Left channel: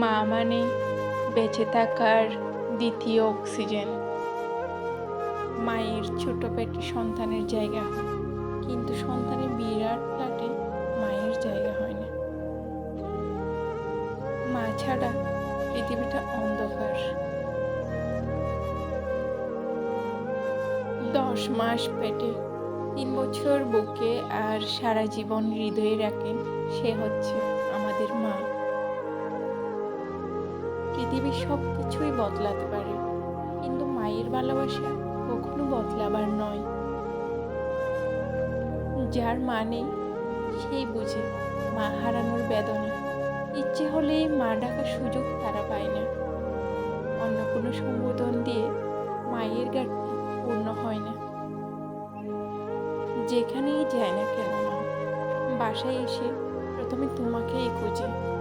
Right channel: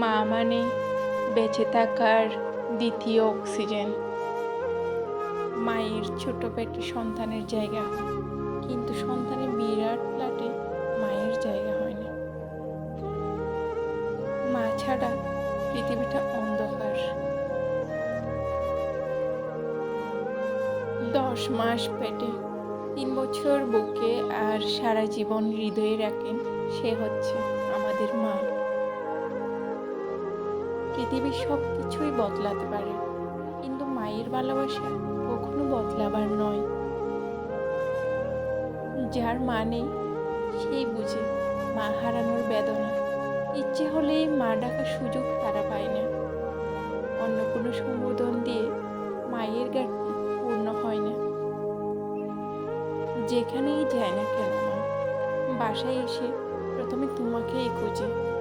মা মানে বেঁচে থাকার দ্বিতীয় অক্সিজেন। মায়ের ছোট পেটে সন্তানের জায়গা হয়, কিন্তু সন্তানের বিরাট ফ্ল্যাটে মায়ের জায়গা হয় না। মা ছাড়া পৃথিবীটা অন্ধকার। দশ মাস পেটে তিন বছর বুকে আর সারা জীবন হৃদয়ে রাখেন সে হচ্ছে আমাদের মা। পৃথিবীর সব কিছুই বদলাতে পারে। কিন্তু মায়ের ভালোবাসা কখনো বদলাবার নয়। যার মা নেই, সেই বুঝে মা হারানোর বেদনা। ইচ্ছে হলেই মা ডাকার সুযোগ তারা পায় না। অন্য কোনো সম্বোধন দিয়ে মায়ের ঘাটতি পূর্ণ হয় না। যেখানেই যায় না কেন মা, বাসায় এসে প্রথমে তোমাকেই খুঁজে।